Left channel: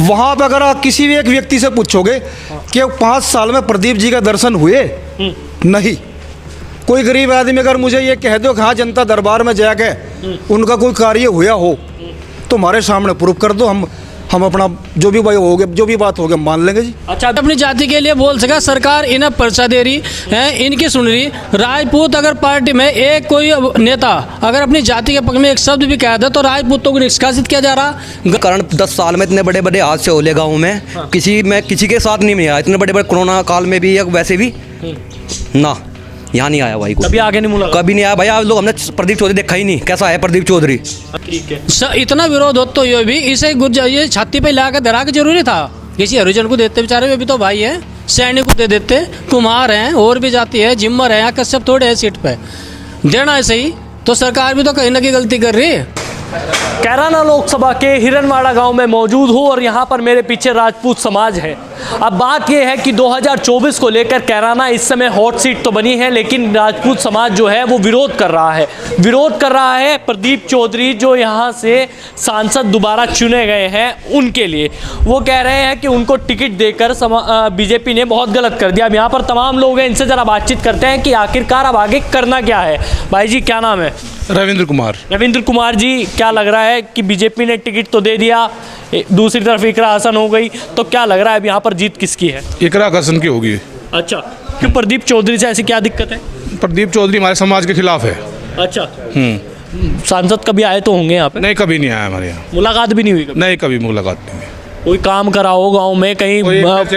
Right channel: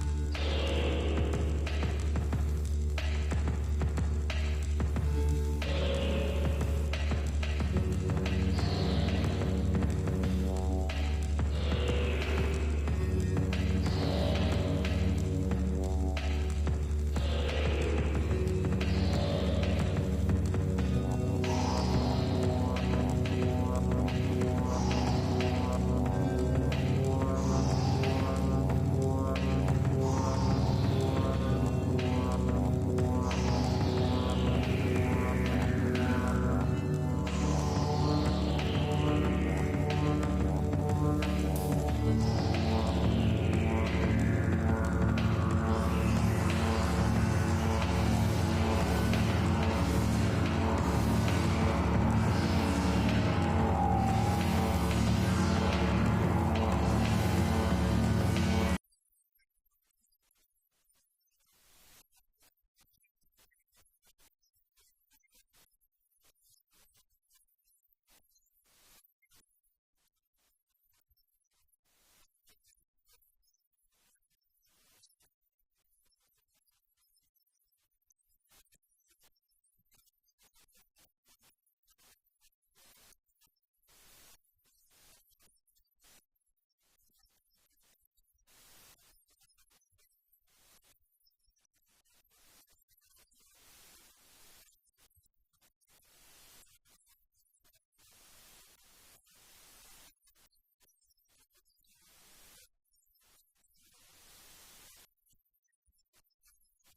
वहाँ पर अगर आप किसी भी एक व्यक्ति से पूछोगे कि 5 साल में प्रदीप जी का दर्शन हुए, नहीं। कोई गरीब आदमी अगर मुझे ये कह दो कि हाँ जनता दरबार में जाके उनका कोई कार्य हुआ हो तो हमारे सामने प्रूफ कर दो, हम अपना जो भी भाई हो गया, जो भी बात हो गया मान लेंगे जी। अच्छा, अपनी जाति के लिए बोल सका, सरकार इन्हें पर्चा दे रही है, इनकी सुन रही। राजपूत अगर पार्टी में एक कोई नेता अगर अपनी जाति के पक्ष में एक शब्द भी कह दे तो राजपूतों को निष्कासित किया जा रहा। कारण 10 साल में इतने बड़े बड़े हादसे होले गाँव में, किसी के साथ नहीं मिला। इतने बड़े बड़े कोरोना काल में भी या वैसे भी ना, यहाँ नहीं आया भाई को। कभी आगे नहीं मुला, कभी नहीं आया भाई। आप लोग हमने प्रदीप चौधरी देखा ही नहीं, कैसा है प्रदीप चौधरी। ठीक है, इतना विरोध हो तो ये भी इसे ये छाती पे ला के धरा के जरूरी था। किसी हरिजन को देते बेचारे, वे भी तो भाई है, सैनिक को दे देते, कुम्हार हैं और भी जाती है, जिम्मर है, कश्यप थोड़े है सीट पे देना है सही। तो सरकार भी तो कहीं ना कहीं गलती कर रही है। कैराना लोकसभा के हिरनवाड़ा गांव में मौजूद हूँ और यहाँ पर मेरे पीछे राजपूत समाज है। अब बात यह है कि 2024 को लेकर कैराना इस समय हॉट सीट तो बनी है, लेकिन राजपूत समाज जो है वो विरोध कर रहा है प्रदीप चौधरी जो यहाँ से सांसद दोबारा चुने गए हैं उनके लिए। वो कह रहे हैं कि उनको टिकट देकर बीजेपी ने बहुत गलत कर दिया। अब यहाँ पर तमाम लोग हैं, इनसे ज़रा बातचीत करते हैं कि आखिरकार अब आगे करना क्या है। भाई जी क्या नाम है? रविंद्र कुमार जी, क्या लग रहा है कि बीजेपी ने टिकट तो दे दिया, दूसरी तरफ इकरा हसन हो गई, तो क्या लग रहा है अब यहाँ पर जीत किसकी है? इकरा हसन की होगी। अच्छा, क्यों? प्रदीप चौधरी से ऐसी क्या दिक्कत है? प्रदीप चौधरी हमारे समाज के खिलाफ है। अच्छा, सांसद कभी आए तो होंगे यहाँ पे? नहीं, कभी नहीं आया हमारे यहाँ। मुलाकात भी नहीं हुई कभी? नहीं, कभी मुलाकात नहीं हुई। कोई काम कराओ गाँव में, कहीं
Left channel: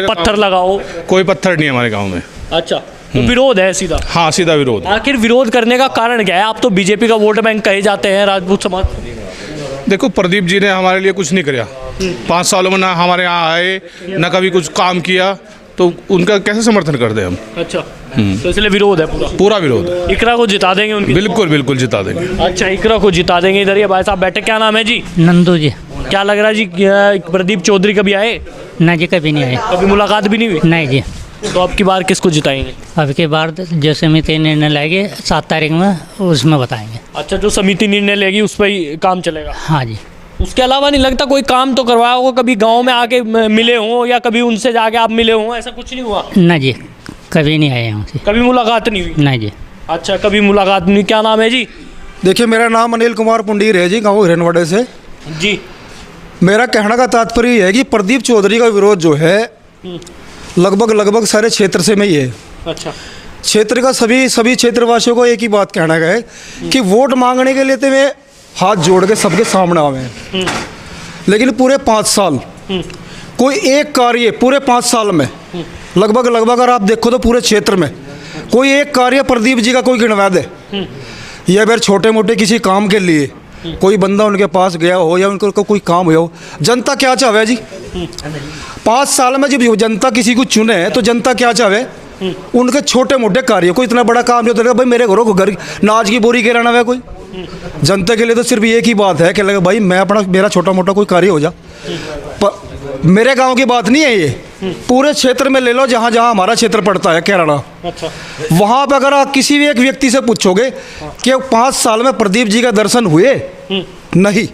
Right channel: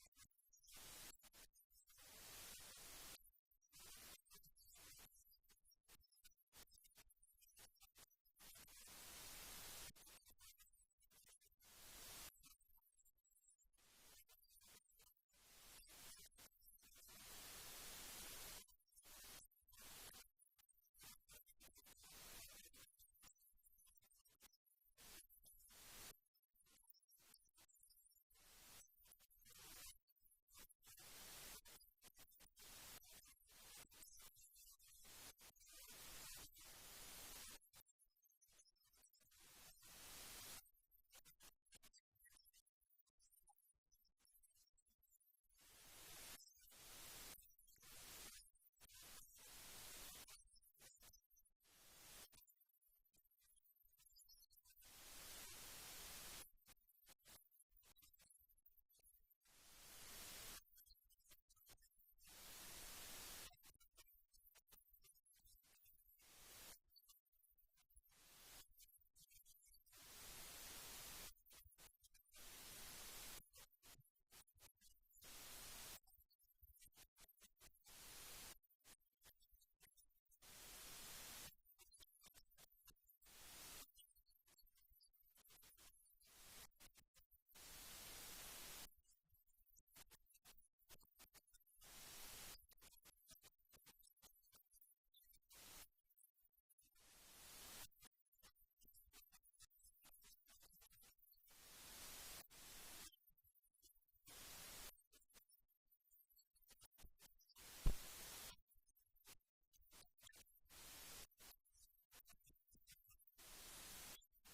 पत्थर लगाओ? कोई पत्थर नहीं है हमारे गाँव में। अच्छा, तो विरोध है सीधा? हाँ, सीधा विरोध। आखिर विरोध करने का कारण क्या है? आप तो बीजेपी का वोट बैंक कहे जाते हैं राजपूत समाज। देखो, प्रदीप जी ने हमारे लिए कुछ नहीं किया 5 सालों में, ना हमारे यहाँ आए, ना कभी कुछ काम किया, तो उनका कैसे समर्थन कर दें हम? अच्छा, तो इसलिए विरोध है पूरा विरोध। इकरा को जिता देंगे उनकी? बिल्कुल जिता देंगे। अच्छा, इकरा को जिता देंगे। इधर ये भाई साहब बैठे, क्या नाम है जी? नंदू जी। क्या लग रहा है जी, प्रदीप चौधरी कभी आए? ना जी, कभी नहीं आए। कभी मुलाकात भी नहीं हुई? नहीं जी। तो अब की बार किसको जिताएंगे? अब की बार जो समिति निर्णय लेगी 7 तारीख में, उसमें बताएंगे। अच्छा, जो समिति निर्णय लेगी उस पर ही काम चलेगा? हाँ जी। उसके अलावा नहीं लगता कोई काम तो करवाया होगा? कभी गांव में आके मिले हों या कभी उनसे जाके आप मिले हों, ऐसा कुछ नहीं हुआ? ना जी, कभी नहीं आए हमसे। कभी मुलाकात नहीं हुई? नहीं जी। अच्छा, कभी मुलाकात नहीं। क्या नाम है जी? देखिए, मेरा नाम अनिल कुमार पुंडीर है जी, गाँव हिरनवाड़े से जी। मेरा कहने का तात्पर्य है कि प्रदीप चौधरी का विरोध जो है लगभग सारे क्षेत्र से में ही है। अच्छा, क्षेत्र का सभी क्षेत्रवासियों को एक ही बात कहना है कि वोट मांगने के लिए तो वे हाथ जोड़ के सबके सामने आवे हैं, लेकिन पूरे 5 साल कोई एक कार्य, पूरे 5 साल में लगभग अगर आप देखो तो पूरे क्षेत्र में कोई एक कार्य प्रदीप जी का कोई गिनवा दे, या फिर छोटे मोटे किसी काम के लिए कोई बंदा उनके पास गया हो या उनको कोई काम हुआ हो। जनता क्या चाहे जी? 5 साल में जब जनता किसी को चुने तो जनता क्या चाहे? उनके छोटे मोटे कार्य, कोई इतना बड़ा काम नहीं होता भाई मेरे घरों को घर नाज की बोरी गिराना है कोई। जनता के लिए तो सिर्फ एक ही बात है कि लगे भाई मैं मेरा छोटा मोटा कोई कार्य हो जा। मेरे गांव की बात नहीं है ये, पूरे क्षेत्र में ले लो, जहाँ जहाँ हमारा क्षेत्र पड़ता है कैराना। अच्छा, वहाँ पर अगर आप किसी भी एक व्यक्ति से पूछोगे कि 5 साल में प्रदीप जी का दर्शन हुए, नहीं।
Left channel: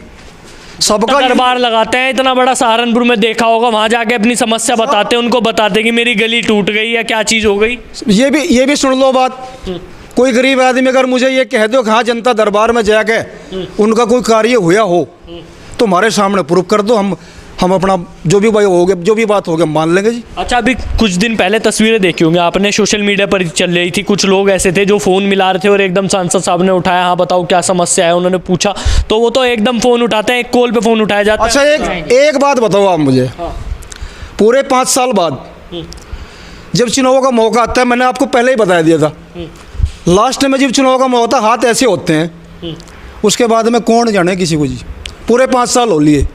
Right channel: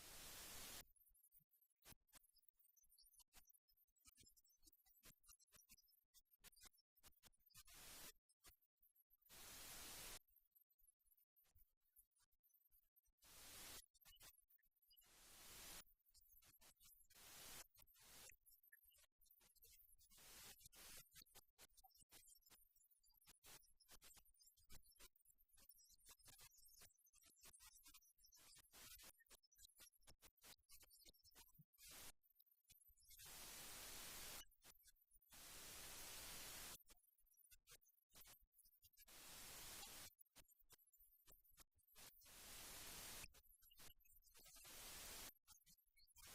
सबका दरबार लगाते हैं, इतना बड़ा सहारनपुर में देखा होगा, वहाँ जाके अपनी समस्या बताते हैं, उनको बताते कि मेरी गली टूट गई या क्या चीज़ हो गई। ये भी सुन लो बात। कोई गरीब आदमी अगर मुझे ये कह दो कि हाँ जनता दरबार में जाके उनका कोई कार्य हुआ हो तो हमारे सामने प्रूफ कर दो, हम अपना जो भी भाई हो गया, जो भी बात हो गया मान लेंगे जी। अच्छा, अभी कुछ दिन पहले तस्वीरें देखी होंगी आपने, सोशल मीडिया पर चल रही थी, कुछ लोग ऐसे थे जो फ़ोन मिला रहे थे और एकदम सांसद साहब ने उठाया, हाँ बताओ क्या समस्या है, उन्होंने पूछा, तो वो तो एकदम फ़ोन उठाते हैं, एक कॉल पे फ़ोन उठाया जाता है। अच्छा, एक बात बताओ आप मुझे, पूरे 5 साल बाद जब चुनाव का मौका आता है, मैंने आपको पहले ही बता दिया था, लास्ट में जब चुनाव का मौका होता है हाथ ऐसे होते हैं, उसके बाद में कौन जाने किसी को जी। पूरे 5 साल हो लिए।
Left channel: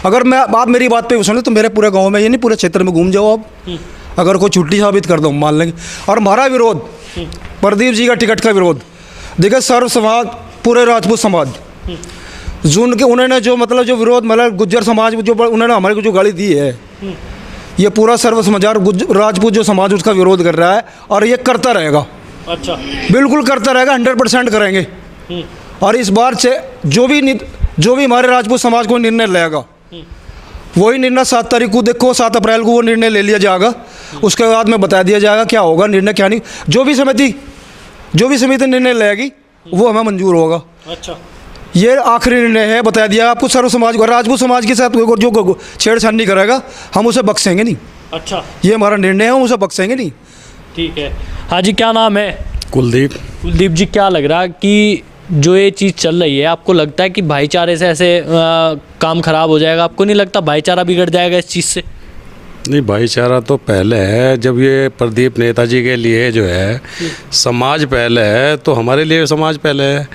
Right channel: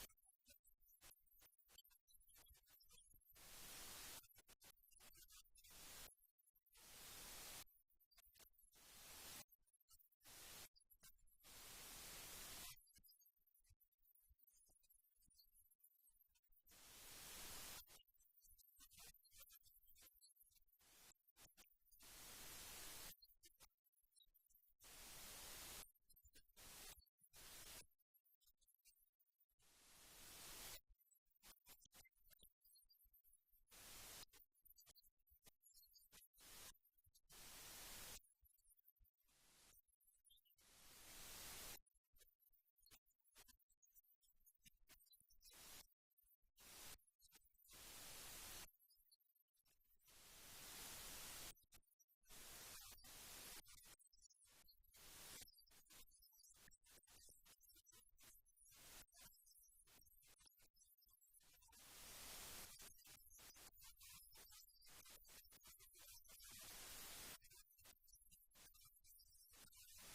अगर मैं आप मेरी बात पे सुने तो मेरे पूरे गांव में ये नहीं, पूरे क्षेत्र में घूम जाओ आप, अगर कोई छुट्टी साबित कर दो मान लेंगे। और हमारा विरोध, प्रदीप जी का टिकट का विरोध, देखिए सर्व समाज, पूरे राजपूत समाज जो उनके उन्होंने जो मतलब जो विरोध, मतलब गुज्जर समाज जो उन्होंने हमारे को जो गाली दी है, ये पूरा सर्व समाज राजपूत जो समाज उसका विरोध कर रहा है और ये करता रहेगा। अच्छा, बिल्कुल करता रहेगा, 100% करेंगे। और इस बार से जो भी हमारे राजपूत समाज को निर्णय लेगा वही निर्णय 7 तारीख को, देखो 7 अप्रैल को वो निर्णय ले लिया जाएगा। उसके बाद में बता दिया जाएगा क्या होगा निर्णय क्या नहीं। जो भी समिति निर्णय लेगी वो हमें मंजूर होगा। अच्छा, ये आखिरी निर्णय है, बता दिया आपको। सर्व समाज को, राजपूत समाज के साथ जो छेड़छाड़ करेगा हम उसे बख्शेंगे नहीं। अच्छा, ये हमारा निर्णय है, हम उसे बख्शेंगे नहीं। ठीक है। हाँ जी, क्या नाम है? कुलदीप। कुलदीप जी, क्या लग रहा है कि जो ये चीज़ चल रही है, आपको लगता है कि भाईचारे से ऐसे काम खराब हो जाएगा? आपको नहीं लगता भाईचारा बिगड़ जाएगा इस चीज़ से? नहीं, भाईचारा तो पहले है। जब ये प्रदीप नेताजी के लिए जो है समाज पहले है, तो हमारे लिए समाज पहले है।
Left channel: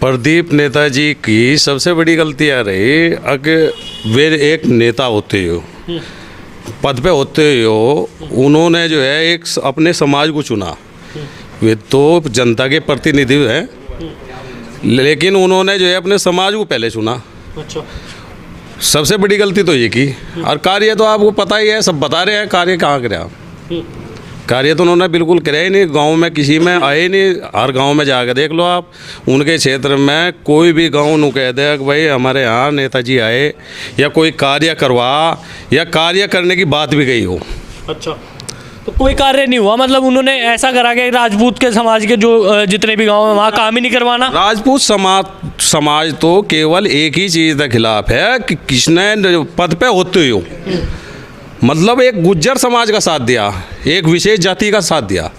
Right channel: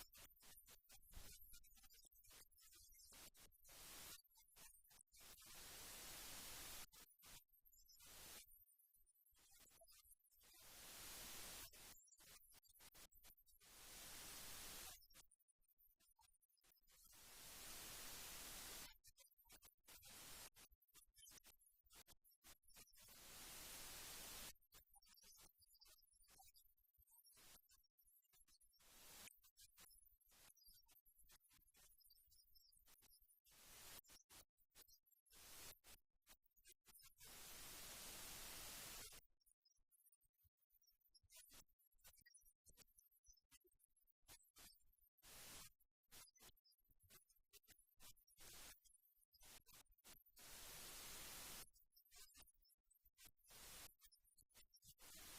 प्रदीप नेताजी की सबसे बड़ी गलती आ रही अगर वे एक नेता होते हो, पद पे होते हो, उन्होंने जो है एक अपने समाज को चुना। वे तो जनता के प्रतिनिधि हैं, लेकिन उन्होंने जो है अपने समाज को पहले चुना। अच्छा, सबसे बड़ी गलती तो ये की। और कार्य तो आपको पता ही है, सब बता रहे हैं कार्य कहाँ कराया। कार्य तो उन्होंने बिल्कुल कराया ही नहीं। गांव में किसी में आए ही नहीं। हर गांव में जाकर देख लो आप, उनके क्षेत्र में कोई भी गांव नु कह दे कि भाई हमारे यहाँ नेताजी आए या कोई कार्य करवा या कार्य करने की बात भी गई हो। अच्छा, तो कोई कार्य नहीं हुआ, मतलब उन्होंने ऐसा करा कि राजपूत के समाज के जो जितने भी गांव हैं वहाँ काम ही नहीं करवाना? राजपूत समाज तो केवल एक ही चीज़ के खिलाफ है कि किसने पद पे होते हो, मतलब एक गुज्जर समाज का साथ दिया, एक विशेष जाति का साथ दिया।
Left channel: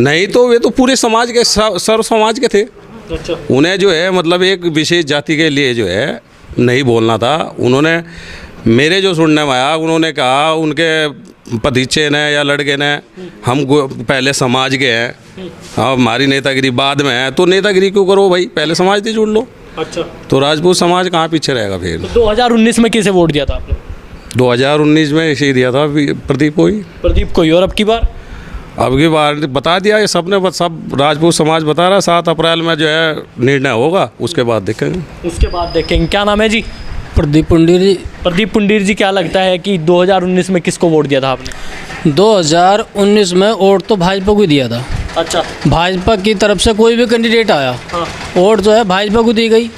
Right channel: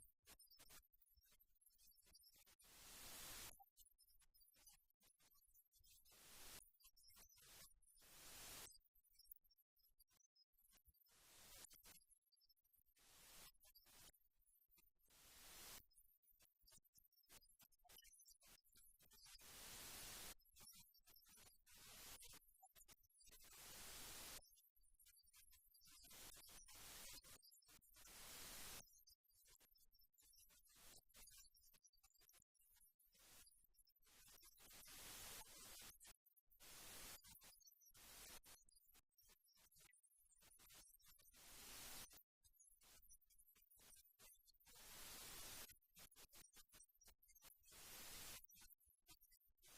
नहीं तो वे तो पूरे समाज के सर्व समाज के थे। अच्छा, उन्हें जो है मतलब एक विशेष जाति के लिए जो है नहीं बोलना था। उन्होंने, मेरे जो सुनने में आया, उन्होंने कहा उनके भतीजे ने या लड़के ने, हम पहले समाज के हैं, हाँ हमारी नेतागिरी बाद में है। तो नेतागिरी क्यों करो भाई, पहले समाज से जुड़ लो। अच्छा, तो राजपूत समाज कहाँ पीछे रहेगा फिर। तो 2019 में किसे वोट दिया था आपने? 2019 में इसे दिया था प्रदीप को ही। प्रदीप को ही। और अब की बार बता दिया ये सब राजपूत समाज बता रहा है 7 अप्रैल में जो है निर्णय होगा, उसके बाद देखेंगे। क्या नाम है जी? प्रदीप पुंडीर जी। प्रदीप पुंडीर जी, क्या लगता है कि 2019 में किसको वोट दिया था आपने? 2019 में वोट तो भाजपा को ही दिया था। अच्छा, भाजपा की तरफ से कोई भी कैंडिडेट आया, हाँ, वोट जो है भाजपा को दी गई।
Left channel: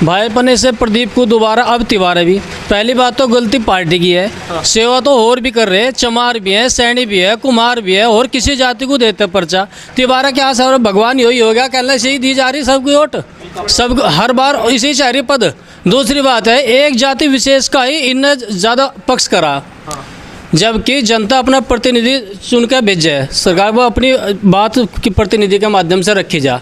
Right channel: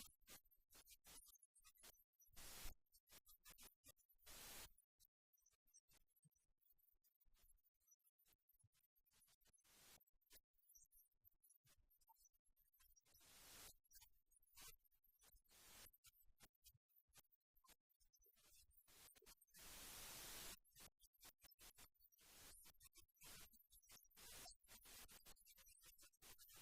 भाजपा ने से प्रदीप को दोबारा अब तिवारा भी। पहली बात तो गलती पार्टी की है। सेवा तो और भी कर रहे हैं, चमार भी है, सैनी भी है, कुमार भी है, और किसी जाति को देते पर्चा। तिवारा क्या सर भगवान यही हो गया, कहना से ही दी जा रही सबकी वोट, सब हर बार इसी चाह रही पद। दूसरी बात है, एक जाति विशेष का ही इनने ज़्यादा पक्ष करा, जबकि जनता अपना प्रतिनिधि चुन कर भेजे है। सरकार वो अपनी बात की प्रतिनिधि के माध्यम से रखी जा।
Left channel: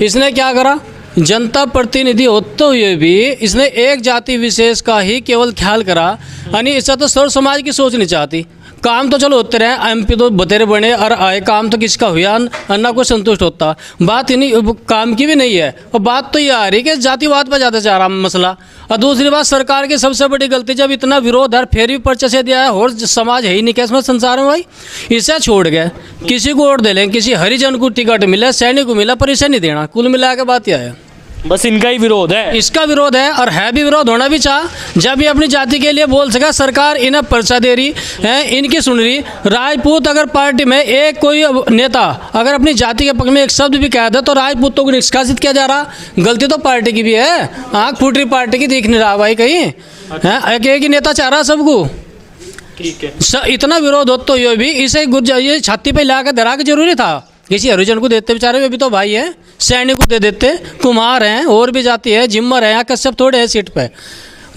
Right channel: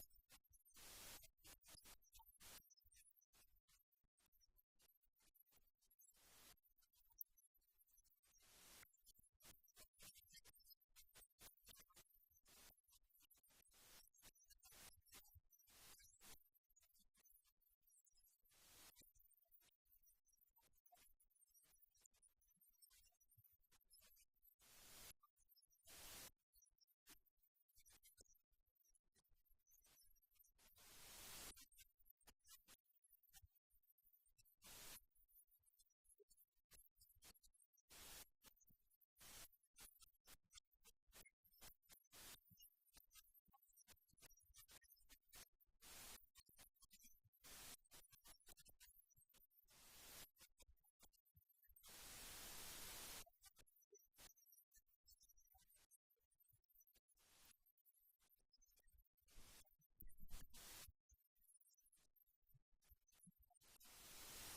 इसने क्या करा, जनता प्रतिनिधि होते हुए भी इसने एक जाति विशेष का ही केवल ख्याल करा। यानी इससे तो सर्व समाज की सोच नहीं चाहती। काम तो चलो होते रहे, एमपी तो बतेरे बने और आए, काम तो किसका हुआ अन्ना को संतुष्ट होता। बात इन्हीं काम की भी नहीं है, और बात तो ये आ रही कि जातिवाद पर ज़्यादा जा रहा मसला। और दूसरी बात, सरकार की सबसे बड़ी गलती, जब इतना विरोध है फिर भी पर्चा से दिया है, और समाज है ही नहीं क्या इसमें संसार में भाई। इसे छोड़ गए किसी को वोट दे लें, किसी हरिजन को टिकट मिले, सैनिक को मिला, पर इसे नहीं देना। कुल मिला के बात यह है, बस इनका ही विरोध है। इसका विरोध है, और है भी विरोध, होना भी चाह। जब ये अपनी जाति के लिए बोल सका, सरकार इन्हें पर्चा दे रही है, इनकी सुन रही। राजपूत अगर पार्टी में एक कोई नेता अगर अपनी जाति के पक्ष में एक शब्द भी कह दे तो राजपूतों को निष्कासित किया जा रहा। गलती तो पार्टी की भी है, आँख फूट रही पार्टी की, दिख नहीं रहा भाई कहीं है। एक ही नेता चाह रहा सबको। ठीक है, इतना विरोध होते हुए भी इसे ये छाती पे ला कर धरा के जरूरी था। किसी हरिजन को देते बेचारे, वे भी तो भाई है, सैनिक को दे देते, कुमार हैं, और भी जाति है, जिम्मर है, कश्यप थोड़े है सीट पे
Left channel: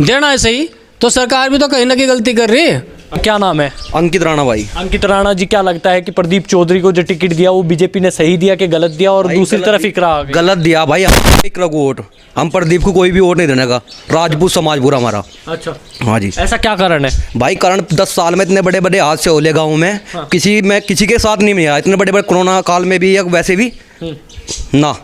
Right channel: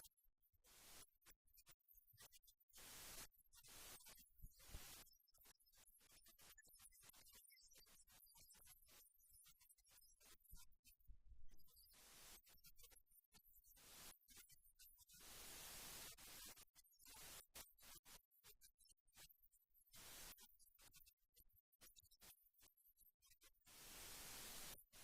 देना है सही। तो सरकार भी तो कहीं ना कहीं गलती कर रही है। क्या नाम है? अंकित राणा भाई। अंकित राणा जी, क्या लगता है कि प्रदीप चौधरी को जो टिकट दिया वो बीजेपी ने सही दिया कि गलत दिया? और दूसरी तरफ इकरा आ गई। गलत दिया भाई, हम इकरा को वोट, हम प्रदीप को कोई भी वोट नहीं देने का। राजपूत समाज पूरा हमारा। अच्छा, हाँ जी। ऐसा क्या कारण है भाई? कारण 10 साल में इतने बड़े बड़े हादसे हो ले गाँव में, किसी के साथ नहीं मिला। इतने बड़े बड़े कोरोना काल में भी या वैसे भी ना,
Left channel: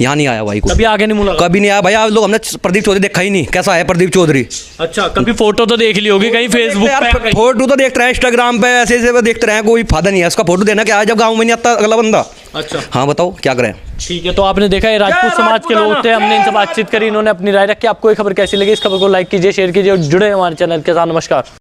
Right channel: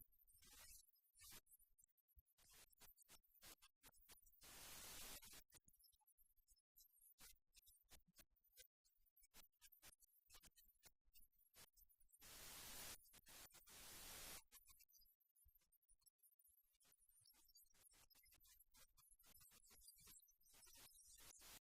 यहाँ नहीं आया भाई। कभी आगे नहीं मुलाकात? कभी नहीं आया भाई। आप लोग, हमने प्रदीप चौधरी देखा ही नहीं, कैसा है प्रदीप चौधरी। अच्छा, कभी फोटो तो देख ली होगी कहीं फेसबुक पे? फोटो तो देखते रहे, इंस्टाग्राम पे ऐसे ऐसे देखते रहे, कोई फायदा नहीं है उसका। फोटो देना क्या है जब गाँव में नहीं आता अगला बंदा। अच्छा, हाँ बताओ क्या करें। ठीक है, तो आपने देखा है राजपूत समाज के लोग थे, हमने इनसे बातचीत करी, इन्होंने अपनी राय रखी। आपको ये खबर कैसी लगी? इस खबर को लाइक कीजिए, शेयर कीजिए और जुड़े हमारे चैनल के साथ। नमस्कार।